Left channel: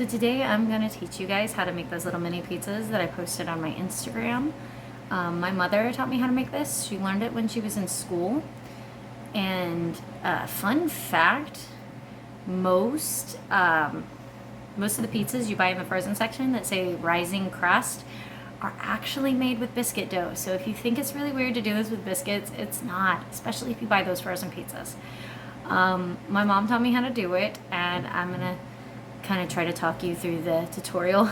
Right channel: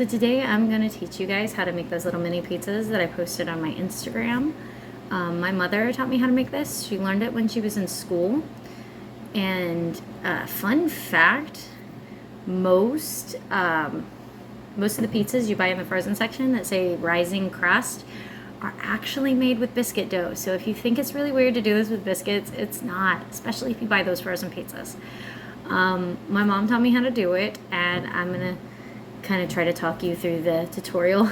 So today I'm going to teach you guys how to make those little mini pizzas that I posted on my Instagram. My mother taught me how to make this. She learned it when she was in school. And fun fact, most of the pizzas you buy in the frozen section that say rising crust are actually made with biscuit dough. So if you think it's really weird to do this with biscuits, it's not, especially if you buy those frozen pizzas. My mom taught me how to do it, and I'm gonna kind of try to talk you through the tutorial.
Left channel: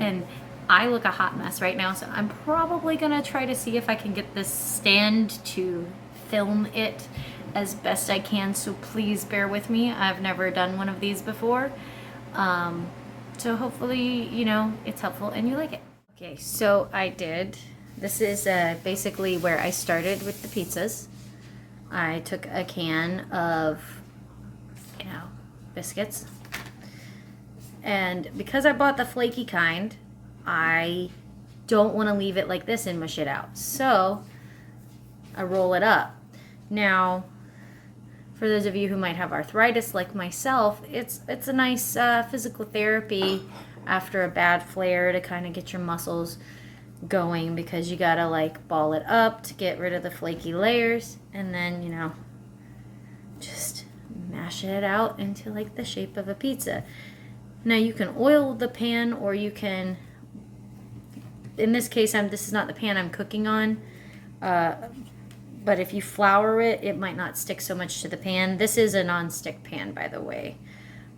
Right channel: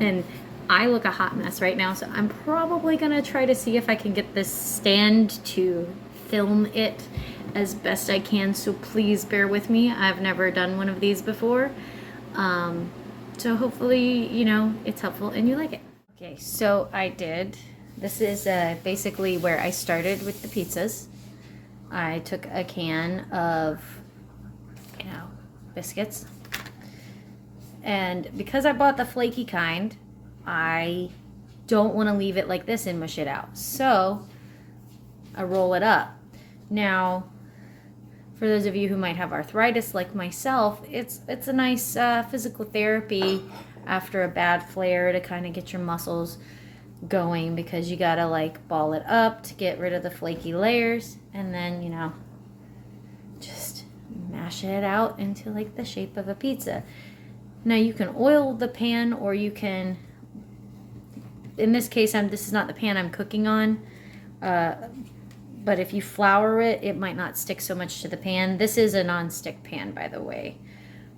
And I look a hot mess right now, so I'm probably gonna try to see if I can get this stand to film it as best I can, so please bear with me. I've never done one of these before, so hopefully, you know, it's helpful and you like it. Okay, so I did. This is basically where I started with the pizzas. I took a can of, you know, biscuits. And because I bought the flaky kind, I don't want to leave it like this and mush it out. So I roll it up. Now, for those of you who might have arthritis like myself, it's a nice physical therapy after a bad flare to kind of get your muscles going, because you gotta like ball it up to get rid of the flaky layers, and then, you know, just mash it out into like the shape of a pizza. Now you can oil the pan, or you can, in this case, this is not the pan I'm cooking on, but if you flour it, it might not stick so much to the pan. This is a non-stick pan, by the way.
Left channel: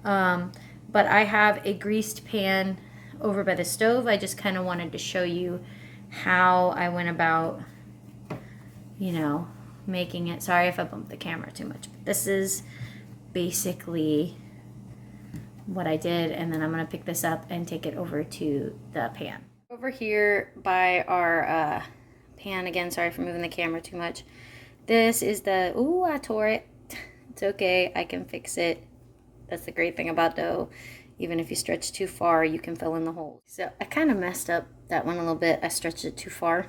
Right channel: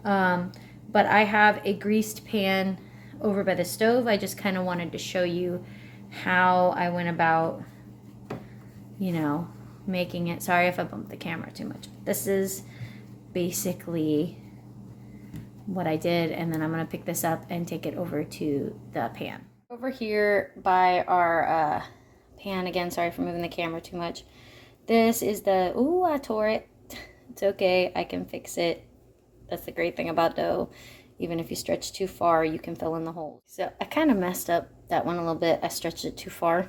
But I have a greased pan over by the stove. I just kind of wanted to show you how I went about, you know, making it. Sorry if I bumped the camera too much. But this is basically what I did, and then I'm going to pick this up and take it over to the pan. Over here by our pan, again, sorry for moving the camera too much. This is the, ooh, I tore it. It's okay, I can fix it. That's the great thing about dough. Even if you stretch too far, you can fill in the holes. So I kind of messed up that one a little bit. I stretched it too far.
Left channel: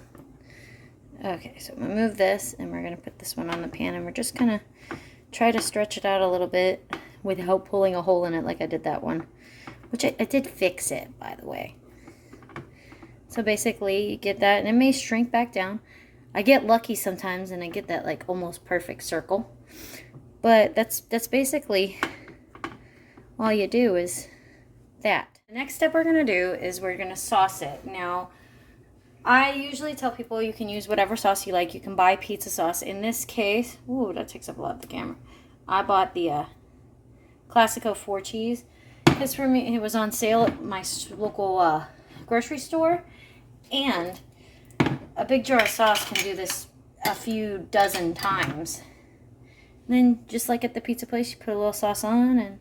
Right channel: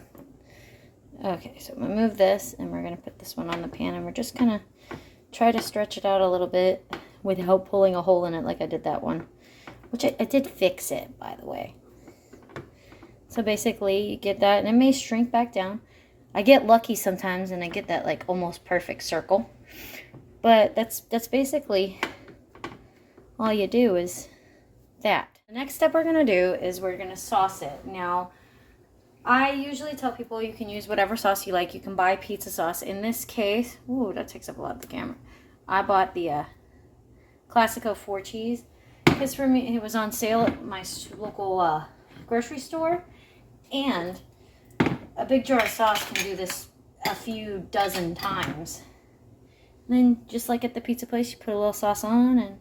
Okay, so I'm going to move this, and we're going to put this one on the pan, and we're just going to try to stretch it out a little bit without pulling a hole in it like I did that one. Which I did fix it, by the way. So basically, you get that, and it may shrink back down. I get lucky sometimes, and I get that like almost perfect circle. But that's basically all you do is that. The next step we're going to do is we're going to sauce it. Now, I usually tell people you can use whatever sauce you like. You can buy pizza sauce. In this case, ooh, that takes up a lot of the camera. I bought the Classico 4 cheese. This for me, it was on sale at my local grocery store. And a big jar of sauce can do this a few dozen times. And then, just like at the pizza place, you put a little sauce on and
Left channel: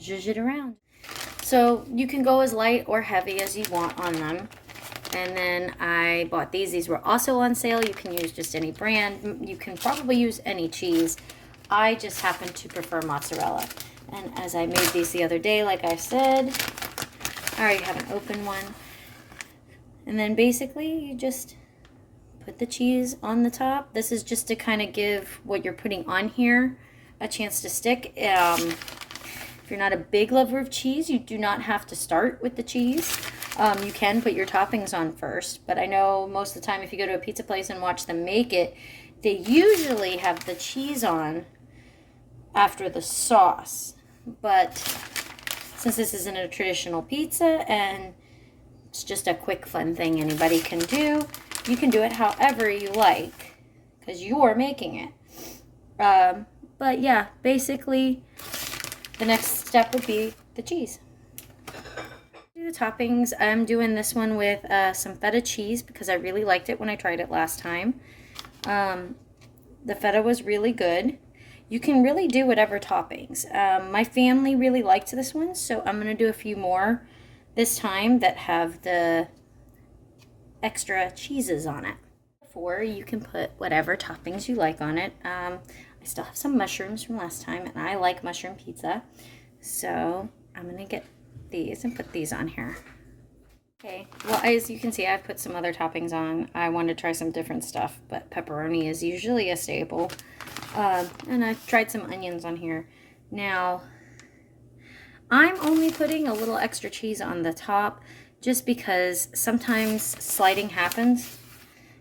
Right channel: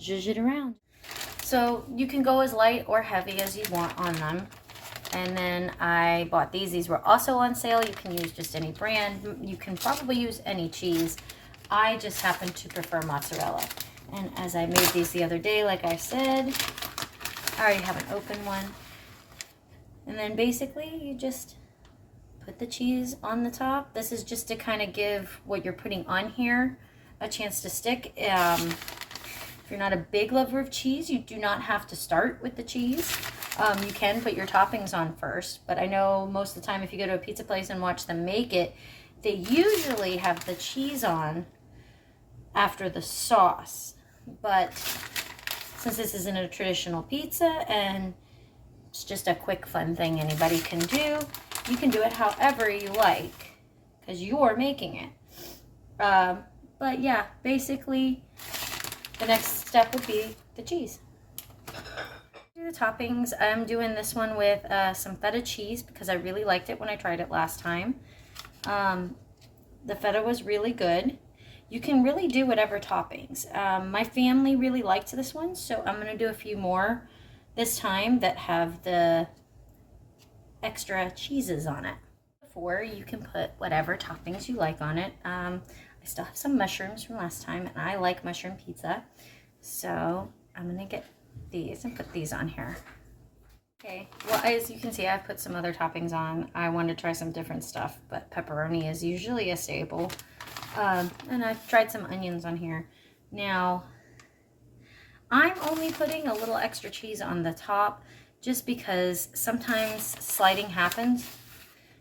zhuzh it around. So you can go as light or heavy as you want on them. And then I bought these. These were also on sale. You can use just any brand. You can probably use any cheese. I just happen to prefer mozzarella. And as I made these the other day, like I said, I already have an open one. And then basically you just put the cheese on the top. This is just to kind of give what you're putting on here a chance to stick. If you're not a big lover of cheese, you do not have to start with the cheese. You can put your toppings on first, but I know most of the time if you go to a pizza place and watch them make it, they usually have the cheese on after the sauce. But since this isn't a traditional pizza and it's just a quick fun thing anybody can do, you can do it however you like because you're making it. But yeah, basically the next step would be the cheese. The toppings, I'm doing this one with some feta cheese because I really liked it when I tried it last time. The feta was really good. You can really do whatever toppings. My family really liked this one, so I'm going to do a few more this time that have the extra cheeses on it. Before, you can put whatever toppings you like on it. I still have some mushrooms from last time, and I like mushroom pizza. So I'm going to get these and put these on here. Okay, well, as you can see, I've put some other toppings on. I wanted to try some different stuff, but pepperoni is usually a staple. And I've tried some onions on here. Now, I'm only putting a little extra cheese on the top just because sometimes sliding happens,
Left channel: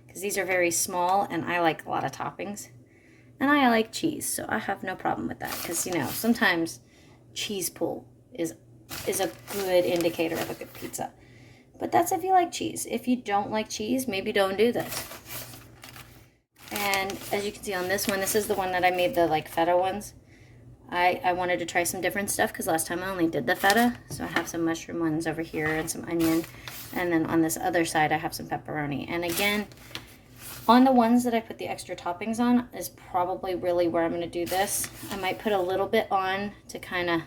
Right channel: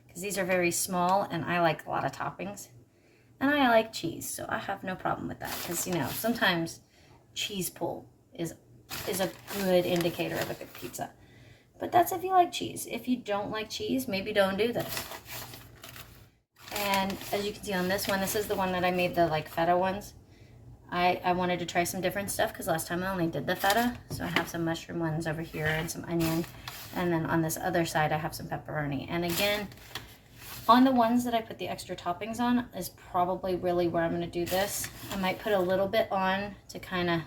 because these are very small and I like a lot of toppings. And I like cheese, so I have no problem with that, because, you know, sometimes cheese pull is a good indicator of a good pizza. But that's if you like cheese. If you don't like cheese, maybe don't do this. And as you can see on this one, this is the one that I made the like feta ones. I wanted to try some different stuff because last time I only did the feta. So I have some mushroom ones over here and some onion. And then on this other side, I have some pepperoni. And again, on the ones that I put the extra toppings on is probably really where I'm going to do this. I might put a little bit on to kind of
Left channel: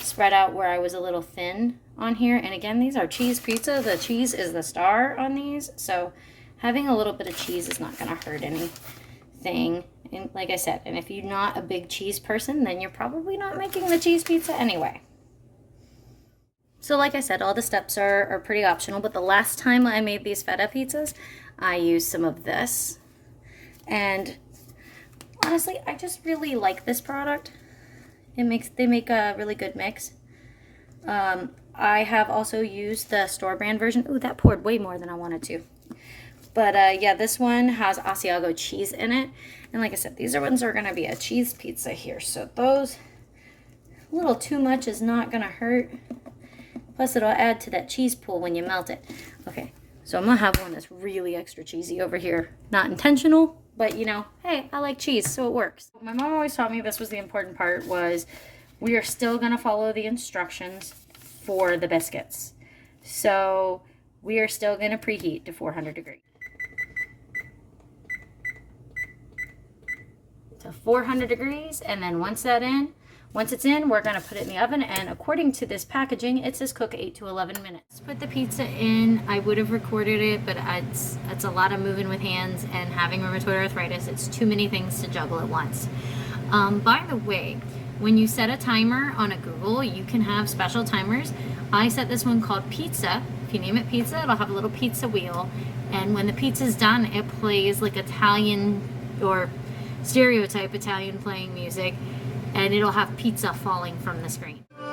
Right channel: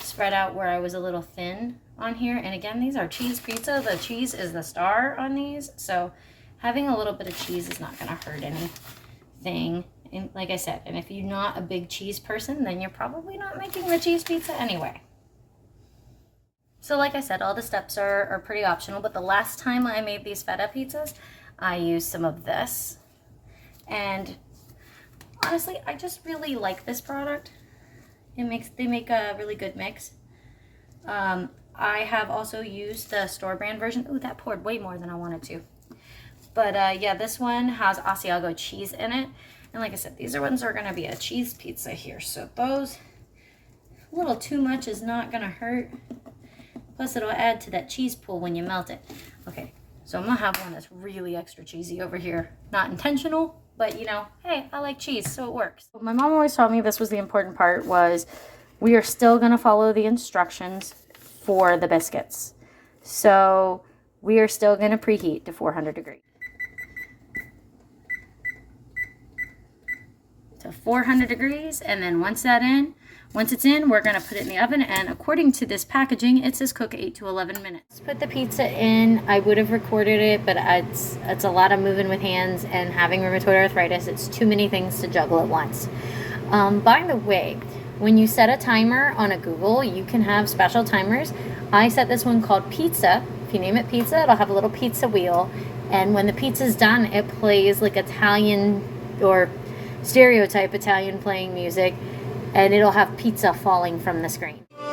spread out where I was a little thin on here. And again, these are cheese pizza. The cheese is the star on these. So having a little bit of cheese is not going to hurt anything. And like I said, and if you're not a big cheese person, then you're probably not making the cheese pizza anyway. So like I said, all the steps are pretty optional, but the last time I made these feta pizzas, I used some of this. And honestly, I just really like this product. They make a really good mix. I have also used the store brand version. Ooh, that poured way more than I wanted to. But yeah, this one has Asiago cheese in it. And like I said, these ones are gonna be a cheese pizza here. So those, a little too much is not gonna hurt. Plus it'll add to that cheese pool when you melt it. Okay, so I'm gonna have one that's really extra cheesy over here. Not intentional, but you know, hey, I like cheese, so it works. My mom always taught me this was the important part, was we are still gonna follow the instructions for the biscuits. So we are still gonna preheat to 400 degrees. To 400 degrees, and then once it's in, we're gonna put it in the oven, and according to this packaging, it says cook 8 to 11 minutes. Let's put the pizza in. I would have recorded it, but it's a lot of moving with hands, and having rheumatoid arthritis, it's too many things to juggle at once. By the way, when you set a timer on a Google, you can have special timers. I set this one called pizza. If you name it pizza, it'll have a little pizza wheel, and when the pizza's done, it plays like Italian or stereotype Italian playing music, and it'll have pizza falling from the screen. Pulled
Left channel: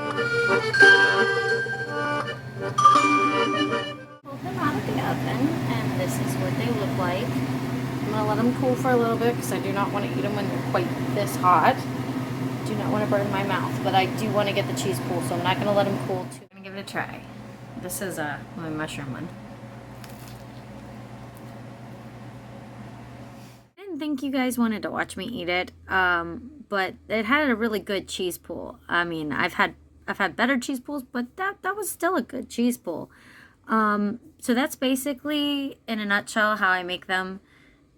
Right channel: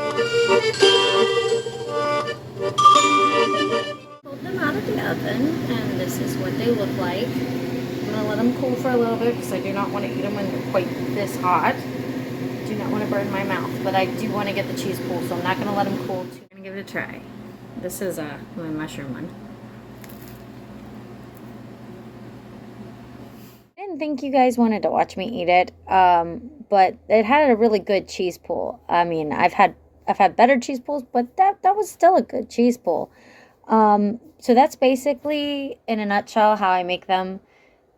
them out of the oven, and this is what they look like. I'm gonna let them cool for a little bit because I do not want to eat them when they're quite this hot. Do not want to burn my mouth, but I do want to get the cheese cool, so I'm not gonna let them cool too. I'm gonna give it a try. This is my mushroom one. Think you guys wanted to watch me eat it, but it had a really good cheese pool. I mean, I've had better cheese pools, but that was still a good cheese pool. So that's basically in a nutshell how I make them,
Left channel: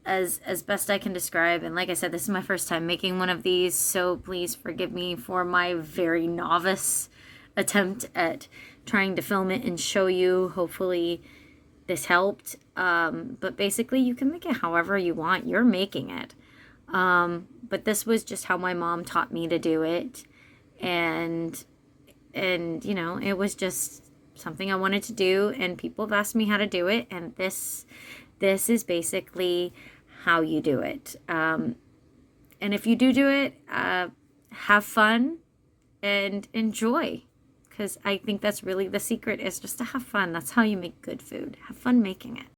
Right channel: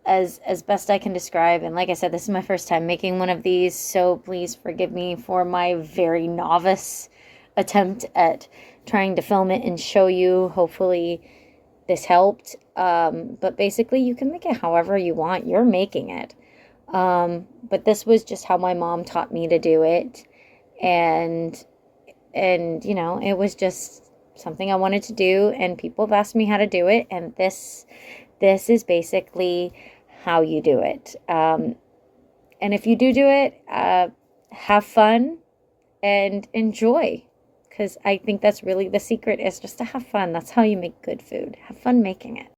as best I can describe. And like I said, this is my first time making one of these, so please forgive me for my very novice attempt at trying to film it and show you. Hopefully this helped. But basically you can make it however you want. You're making it. But this was just how my mom taught me to do it. And you know, it was just something I wanted to do, and people have asked me how to do it. And this is basically how you do it. And if you do it, have fun and enjoy. Because I think that's really the secret, is just to have fun. That's how you make good food. Have fun making it.